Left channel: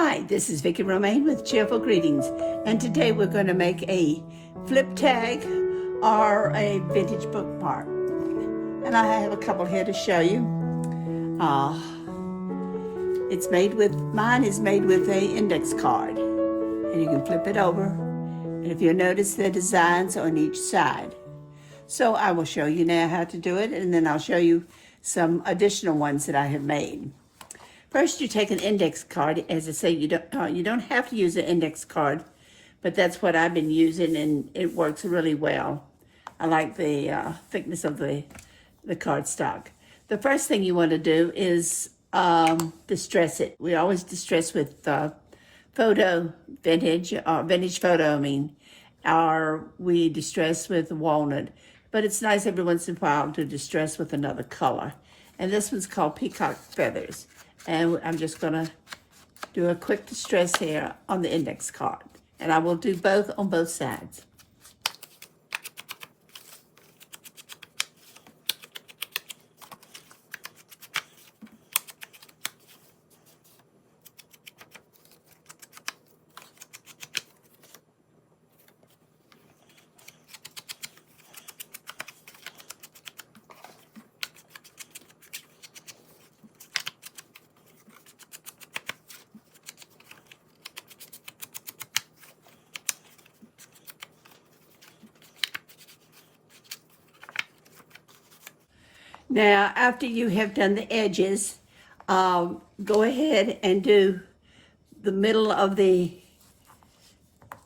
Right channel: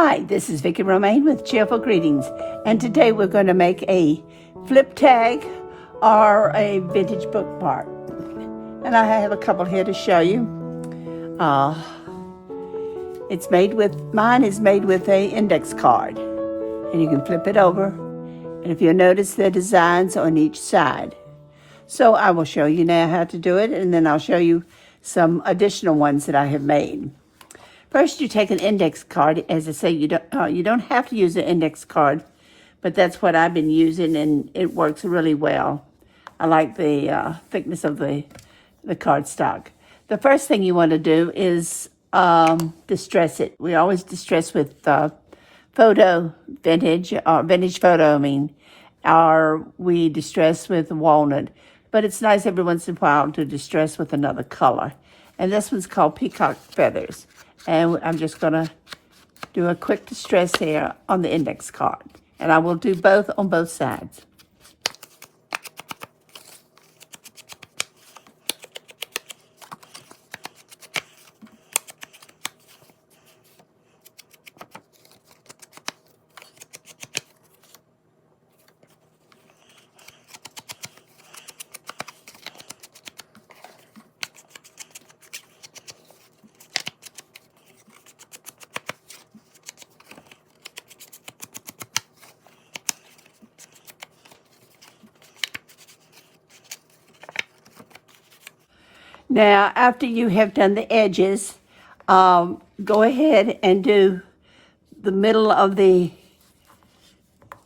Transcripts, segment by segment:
Hi, this is Vicki Romaine with Cheerful Greetings, and today we're going to make a flip tag or a vintage bookmark. And I have a couple here to show you. Mine is made with a index card, and you can flip it over. And if you'll notice the designs on each side. So I will show you now how to do it, and then I'll show you some additional ones that I have made. First, you take an index card. As I say, you don't have to use an index card, but that's what I've been using, and it works really well. I like the thickness of the cardstock. The first thing you want to do is distress it. We always distress with vintage photo, or we distress with walnut. But it's nice every once in a while to distress with another color. And this one's called Peacock Feathers. And I'm just going to do a quick distress here on the index card. And I will do both on both sides. Now, after you have done the edges, go ahead and do the middle of the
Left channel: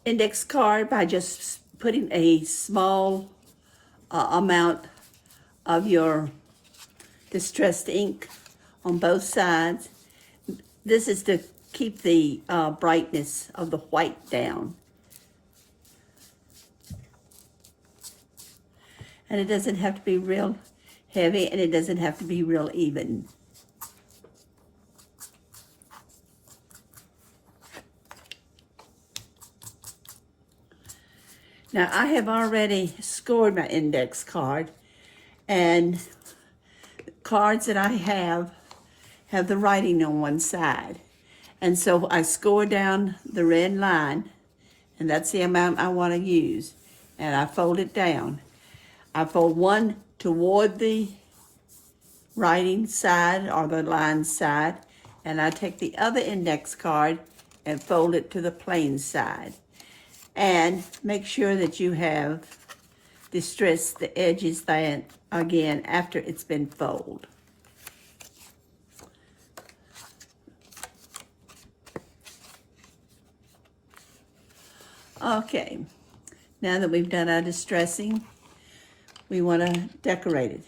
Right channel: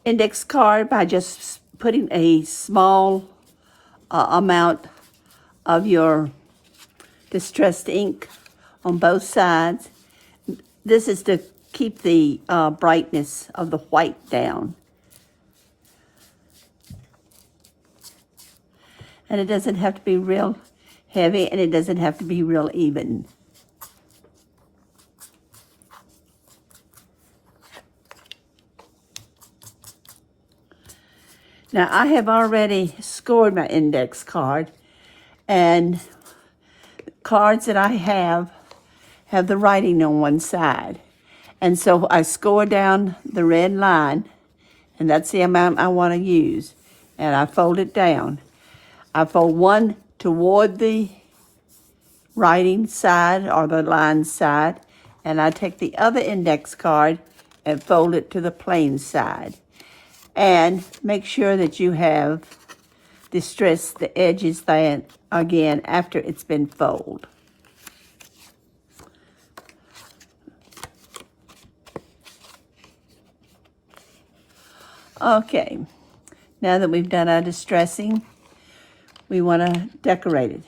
index card by just putting a small amount of your distressed ink on both sides. This is to keep the brightness of the white down. And it doesn't have to be real heavy, and it doesn't have to be real even. Now, I have already scored my index card, and cards that I have the writing on one side. And so I score down the red line, and that's the amount I want to use. And I fold it down. I fold one toward the writing side or the line side, and I take the other index card and fold it to the plain side. And make sure that you have distressed the edges then again after it's been folded. Okay, now that we've done our distressing, we want to decorate it.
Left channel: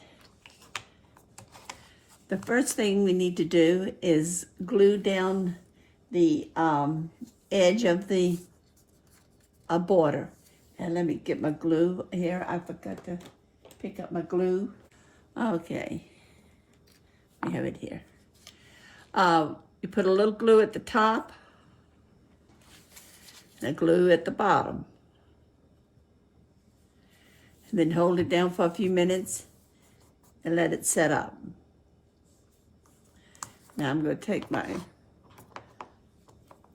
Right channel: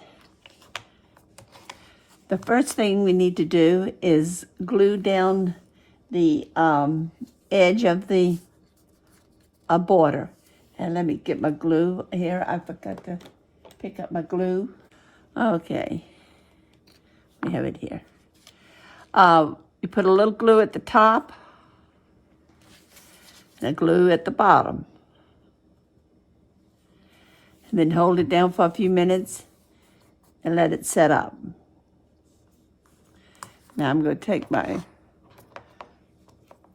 The first thing we need to do is glue down the edge of the border. And let me get my glue here. I forgot to pick up my glue. Okay, we have it here. You put a little glue at the top and a glue at the bottom. And then hold it down for a few minutes and let it set up. Now I'm going to take my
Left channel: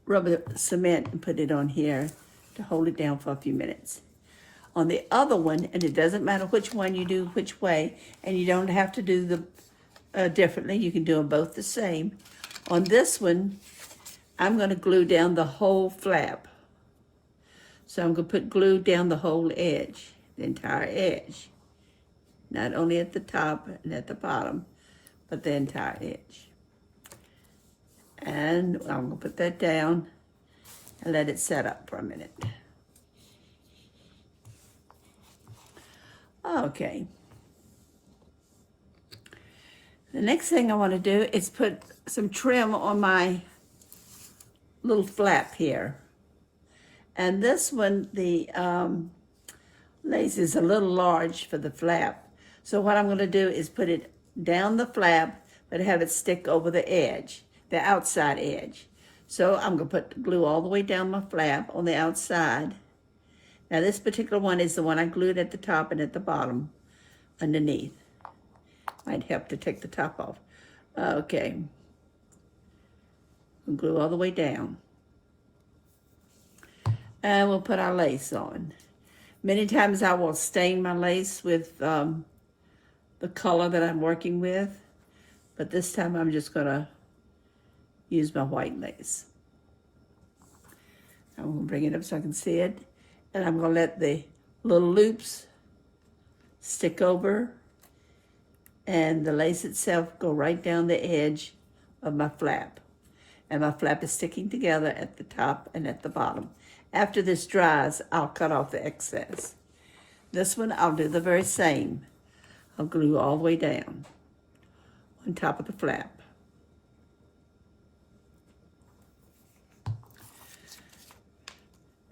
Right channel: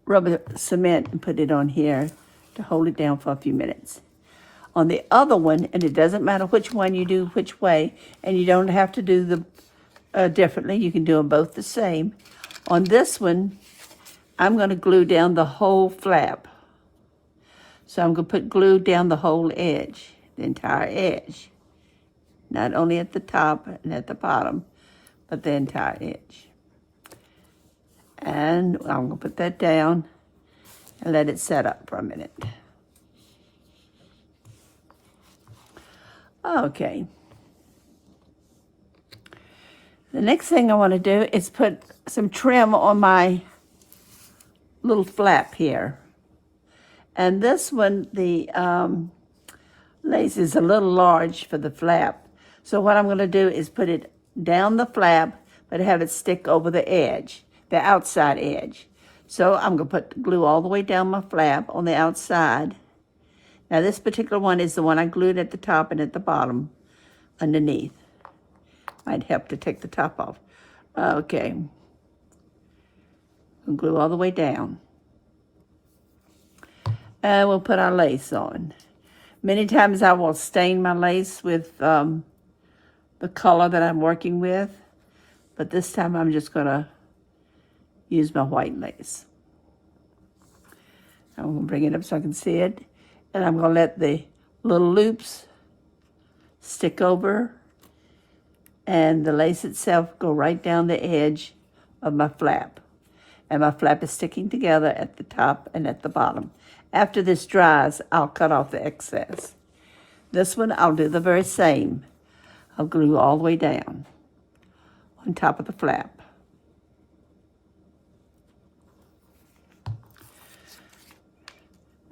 rubber cement and put it on here to hold it down for a few minutes. On the other one, and it doesn't matter which one you do which way, and you don't have to do them differently. You can do them both the same. On this one, I'm going to glue down the whole flap. So I'm going to put glue down the whole edge, the entire edge. Not only at the top and at the bottom, but the entire edge. And I'm going to put that down and let it set up for a minute. Okay. The next thing I want to do is put some trim on my little flap here. And this one, the lace is a little large for the flap. So what I'm going to do is put it down the flap, but have it stick over the edge, the outside edge. So I'm going to put glue all the way down my flap on the outside. Now this particular one is the one I glued at the top and at the bottom underneath. Might help to take the top off. Okay. and glue all the way down. And we'll put our lace on. Many times I will stain my lace with the color that I'm working with, but this time I'm just gonna use my white lace. I'm gonna bring it up so I can see it, and I'm gonna let the little loops stick over and the lace itself go right down the edge of my flap. And my flap is sticking together at the top and at the bottom. After this dries, I'll cut off the excess. This one, I'll do the very same. I'll glue all the way down on top of the flap.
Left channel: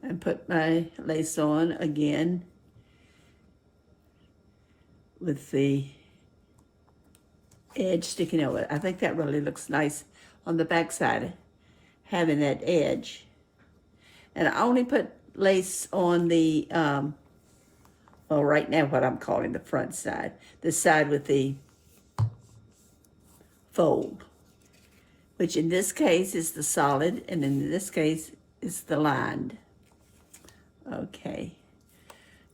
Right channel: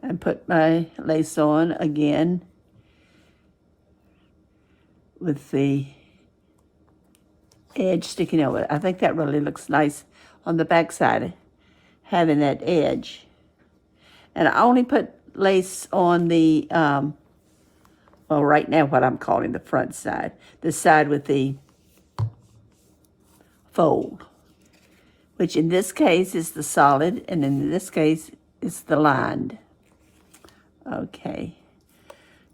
And put my lace on again with the edge sticking over it. I think that really looks nice on the back side, having that edge. And I only put lace on the, well, right now what I'm calling the front side, the side with the fold, which in this case is the solid, and in this case is the lined. Okay,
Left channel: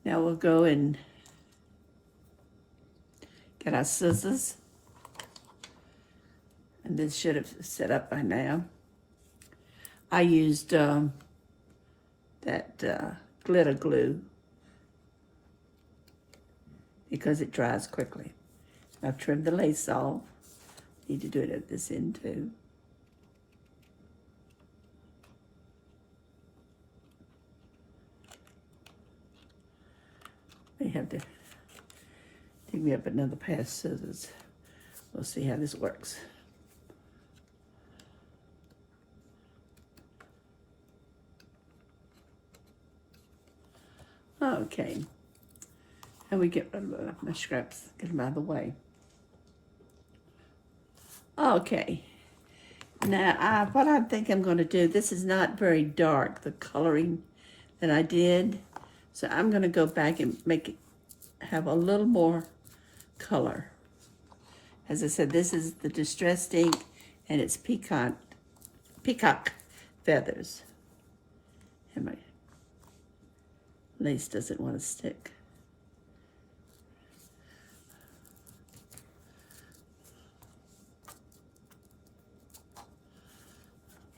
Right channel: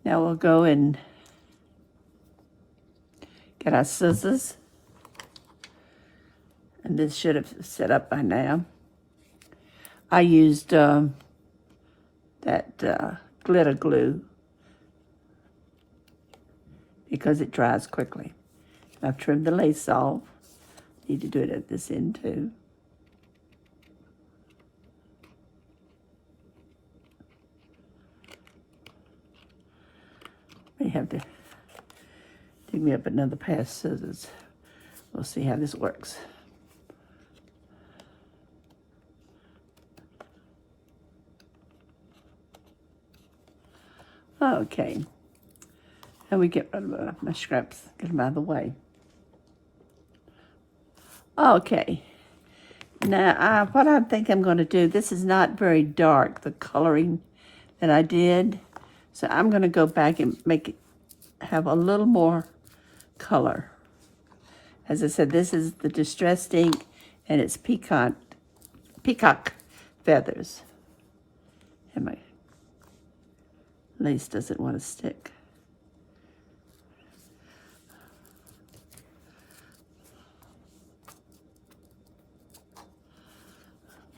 now we'll go and get our scissors. And this should have set up by now. I used that glitter glue because it dries quickly. I've trimmed the lace off. Need to do it at this end too. May have to dig me up another pair of scissors. We'll see how this works. Okay, and we get rid of my scraps, get them out of the way. Okay, now what I think I'm going to do, this is not very dark, the coloring that I did, so I'm going to go back and make it have a little more color. As I said, this is the distressed ink, and it's peacock feathers. And my lace doesn't want to stick.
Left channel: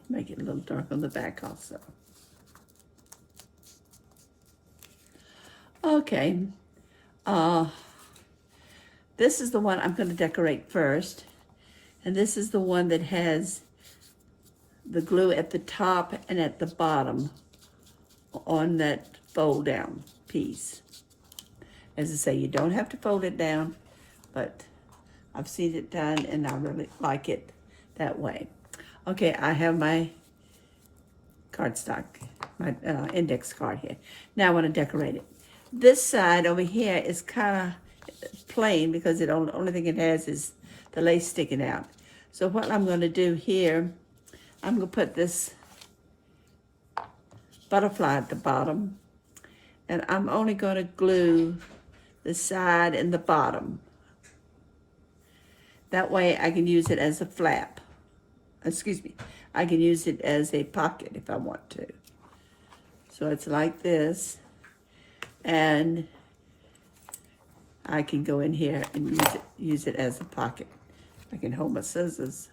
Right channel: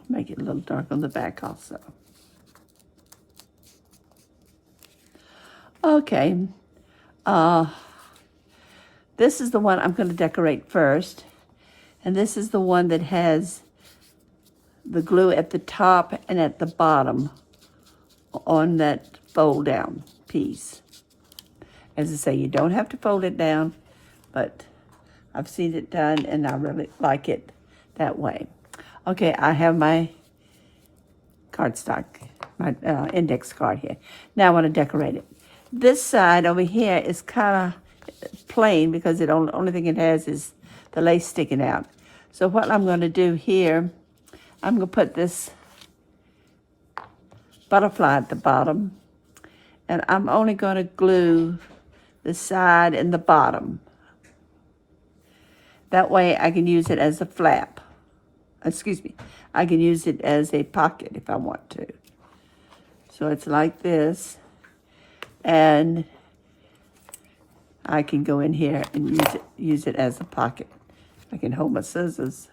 Make it a little dark on the back also. Okay, this is the one I'm going to decorate first, and this is the one that has the glue at the top and at the bottom on that fold down piece. As I say, you don't have to fold it down, but I've seen it done and I really like it that way. Okay, I have my cardstock, my index card here. Now I want to decorate it. This side over here is kind of plain because the only thing it has is the lace sticking out. So what I'm going to do here, I'm going to put this butterfly at the bottom, and I'm only going to glue the side and the bottom. That way I can use it as a flap. Excuse me, I can use it as a pocket if I want to. So it's like this, and I can go in here and use it as a pocket. I can hold my scissors.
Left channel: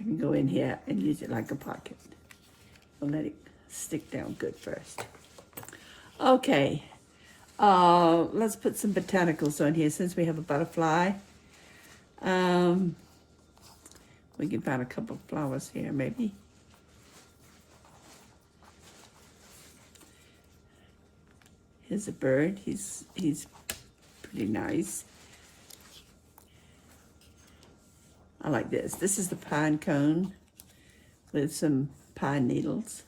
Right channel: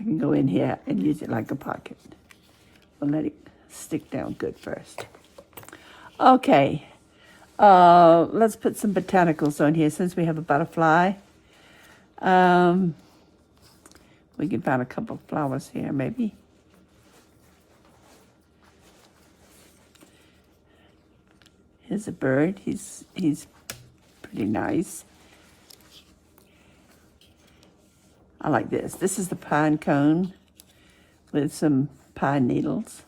I can go in here and use it like a pocket. I'll let it stick down good first. Okay, let's put some botanicals on here since we have a butterfly. We can find a couple of flowers here, maybe. Here's a bird. He's pretty nice. I like this. This is the pine cone with some pine needles.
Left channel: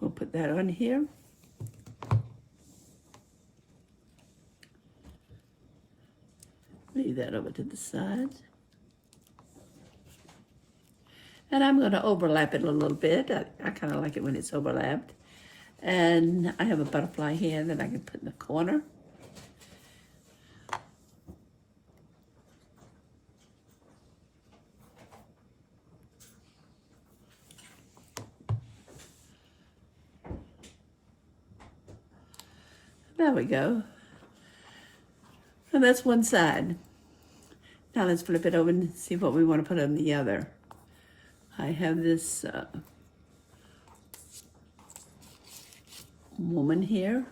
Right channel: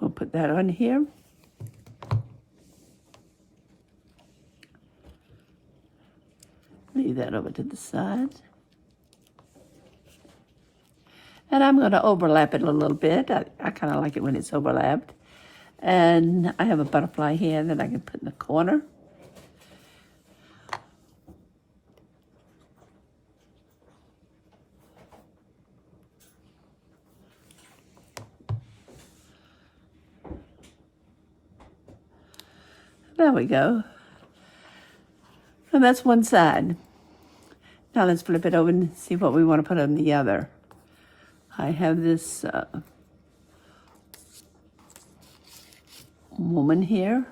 We'll put that on here. Leave that over to the side. And I'm going to overlap it a little bit. I kind of like it when it's overlapped. And I have a butterfly here that I can put in the corner. There we go. And that's one side. Now let's flip it over and see what we want to put on the other. I have this woman here.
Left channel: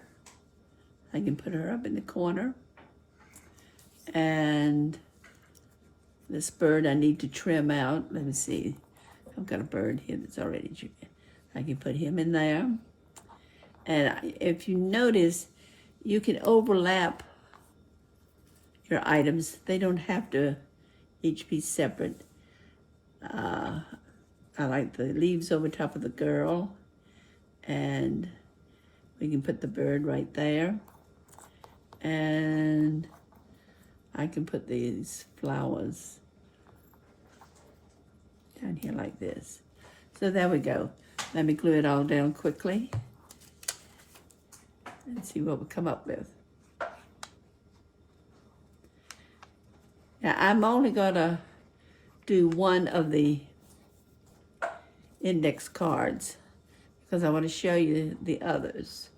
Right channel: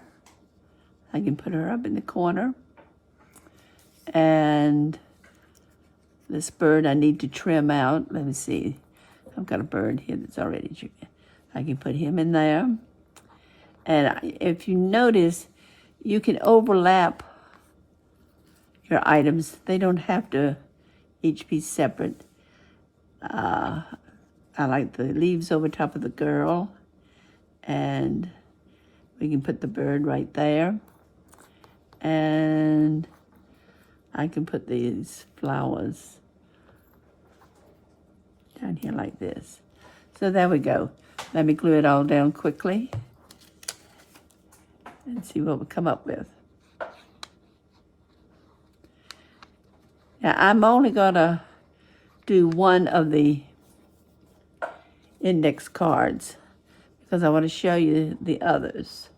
I can put her up in the corner. And this bird I need to trim out. Let me see. I've got a bird here that's already trimmed. I can put him in there. And if you notice, you can overlap your items. They don't have to each be separate. I like the leaves over top of the girl, and we can put the bird right there. And I can put these flowers down here like this. So there we go. Let me glue it all down quickly and see what we come up with. Now I'm only gonna do one of the index cards because I want to show you the others.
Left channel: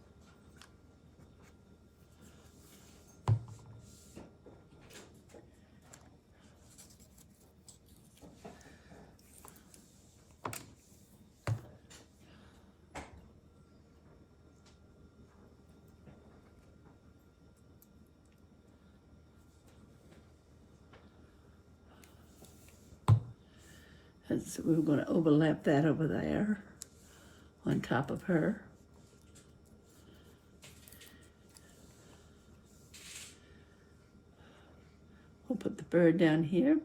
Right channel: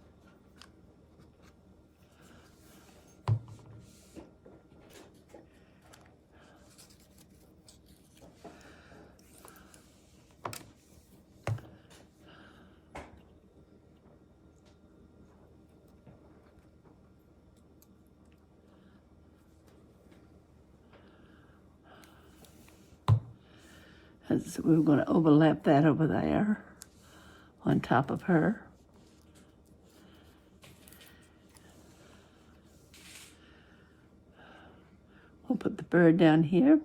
So we're going to overlap that over there on top of her. We'll put the bird down here.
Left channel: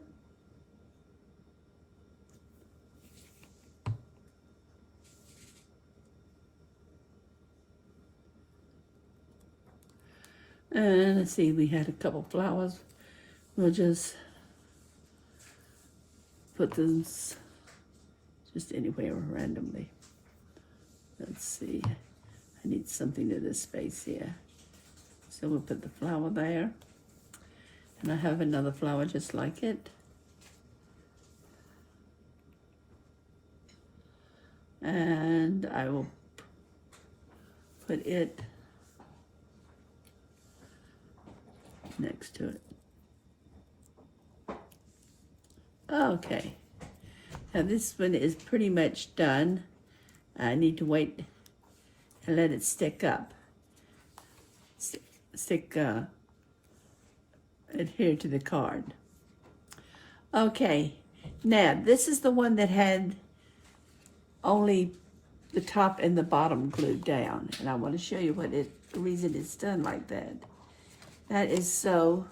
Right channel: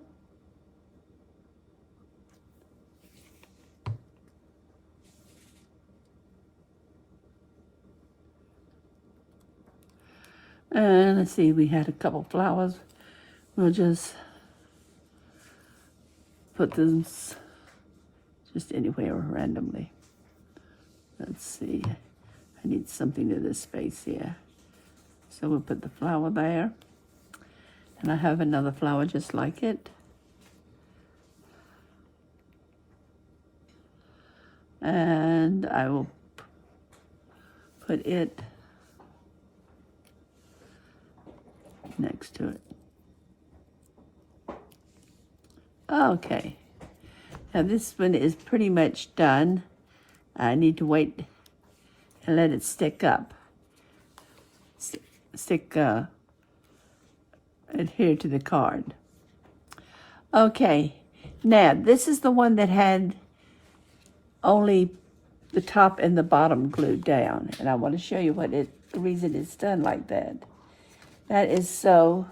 And let's see, we had a couple flowers. We'll just put them just anywhere randomly. Let's see, I need something to this space here. So we'll put the flower there. And I have another flower just like it. And I will put it next to it. Okay. Now this one is pretty much done. I need to wait and let it stick up. Adhere to the card. Okay, now this is the one that had only the top and the bottom glued down, and I want to show you the reason it's done like that. That is so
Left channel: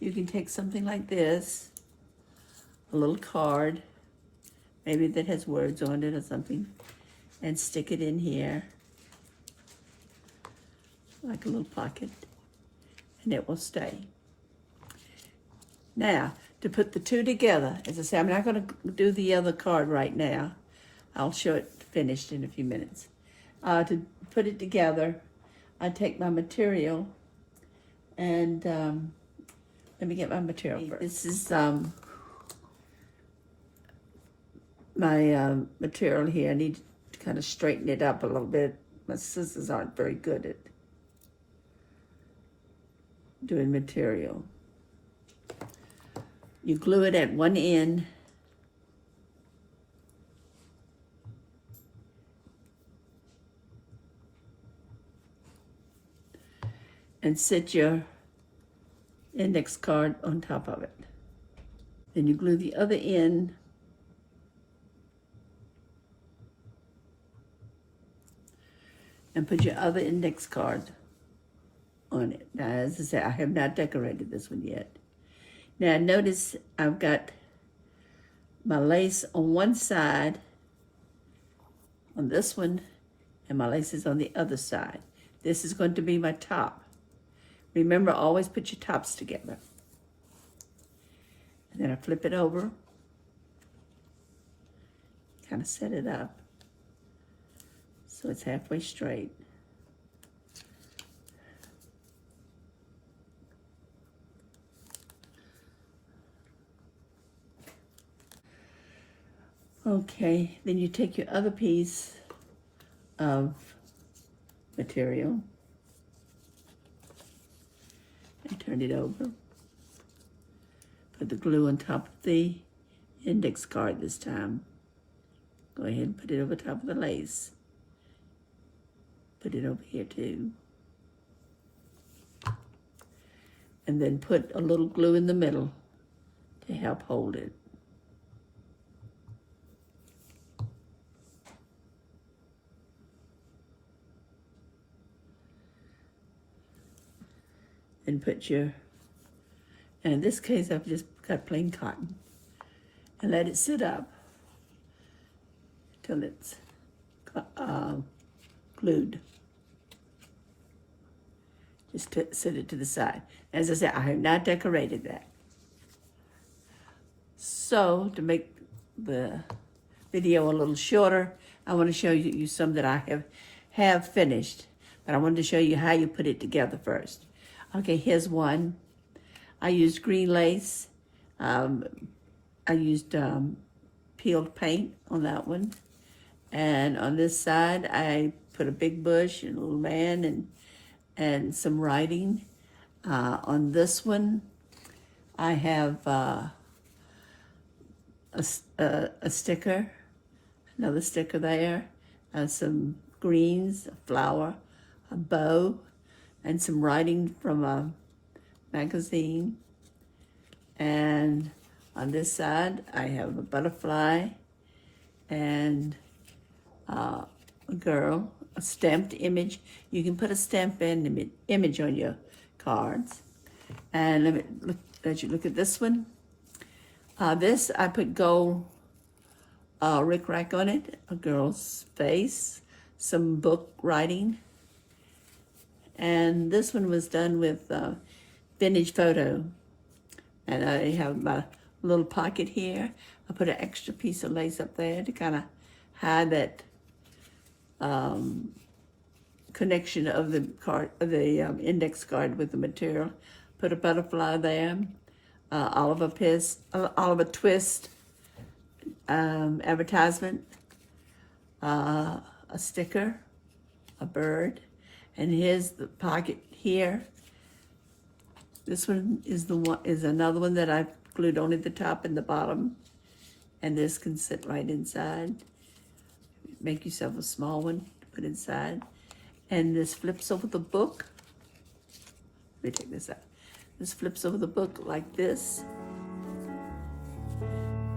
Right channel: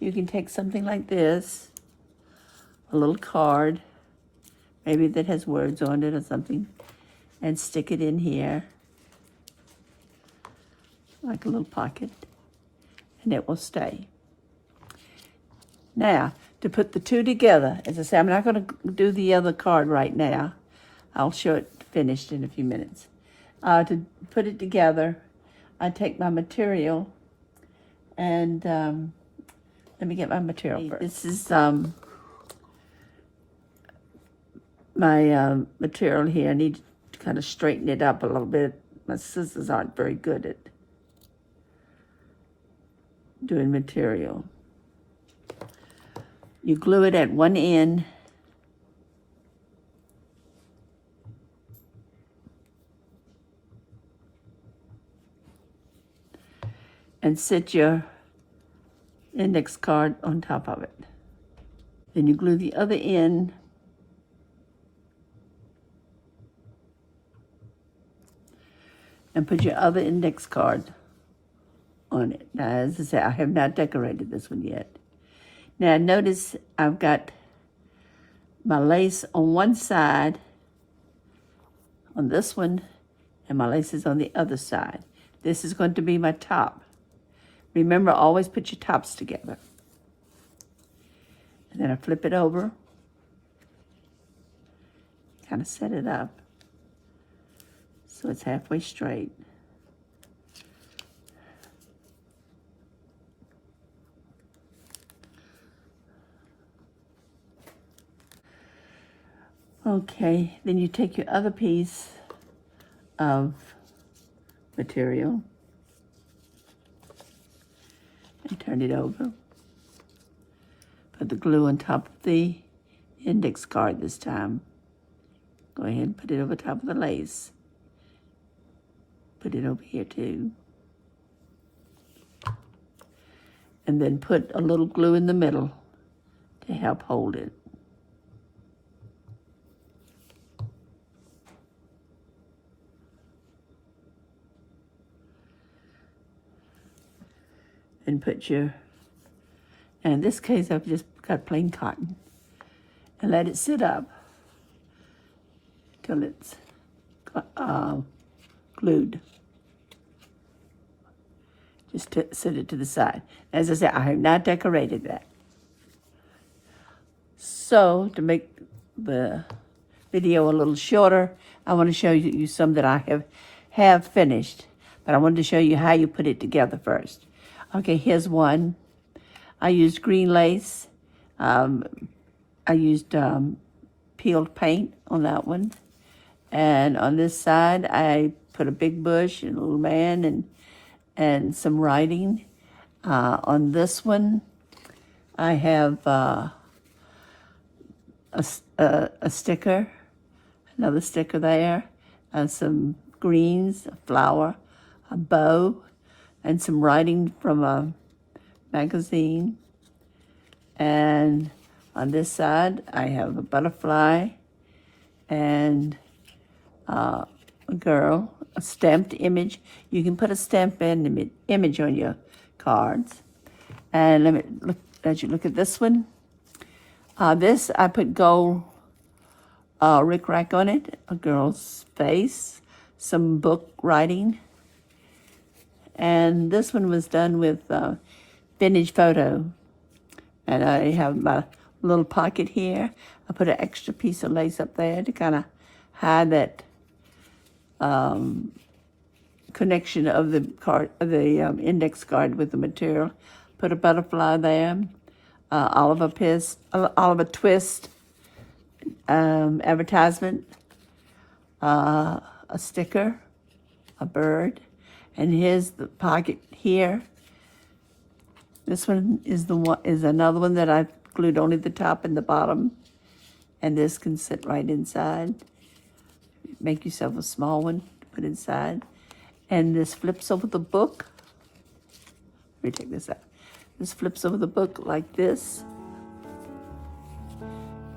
you can take something like this, a little card, maybe that has words on it or something, and stick it in here like a little pocket, and it will stay. Now, to put the two together, as I say, I'm not going to do the other card right now. I'll show it finished in a few minutes. To put it together, I take my material and let me get my material first. This is my material here. I need to kind of straighten it up a little bit. My scissors aren't very good at doing material. You glue it at one end. And set your index card on top of it. Then you glue the other end and put your other index card on it. Now, as I say, I have not decorated this one yet. Now, notice I've got my lace on one side, on this one, and my lace is on the other side. This is going to be my top. Remember, always put your tops together. And then I flip it over, kind of set it up so it's halfway straight. Okay, then you take your other piece of material and turn it over. Put the glue on top of the index card this time. Go ahead and put it over top of the lace. Put it over here too. And then put a little glue in the middle to help hold it. And put your, and in this case I've just got plain cotton, and let it sit up till it's glued. Just set it to the side. As I said, I have not decorated that. So to make the video a little shorter, I want to show you some that I have finished, but I wanted to show you how you put it together first. Okay, here's one. I used green lace. I used peeled paint on that one. And on this side, I put a big bush and a little man and some writing. On this one, I have a sticker, another sticker there, and some greens, a flower, a bow, and some writing from a magazine. And on this side, I have a butterfly and a girl, a stamped image. You can put a stamped image on your cards. And let me let you look at this one. This, I put gold rickrack on it, a girl's face, some book writing. And this one was done with vintage photo. And I have my little pocket here. I put an extra piece of lace up there to kind of hide that connection of the card, of the index card with the material. Put a butterfly there, Oliver Twist advertisement, a sticker, a bird. And here's the pocket here. This one is another one that I've glued only the top and the bottom. And this can sit right inside. Make yourself a small one to put inside. And this flips over the book. Let me take this out. This flips over the book like this.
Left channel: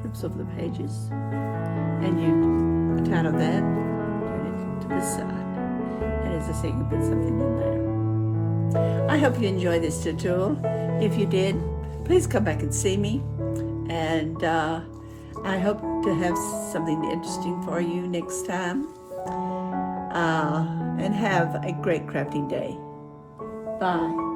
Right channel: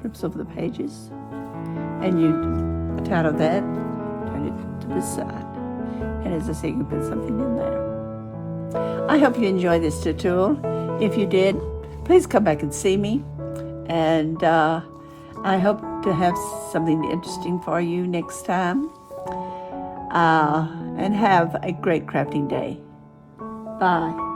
Flips over the pages. And you put out of that, turn it to the side. And as I say, you can put something in there. I hope you enjoyed this tutorial. If you did, please come back and see me. And I hope to have something interesting for you next time. And have a great crafting day. Bye.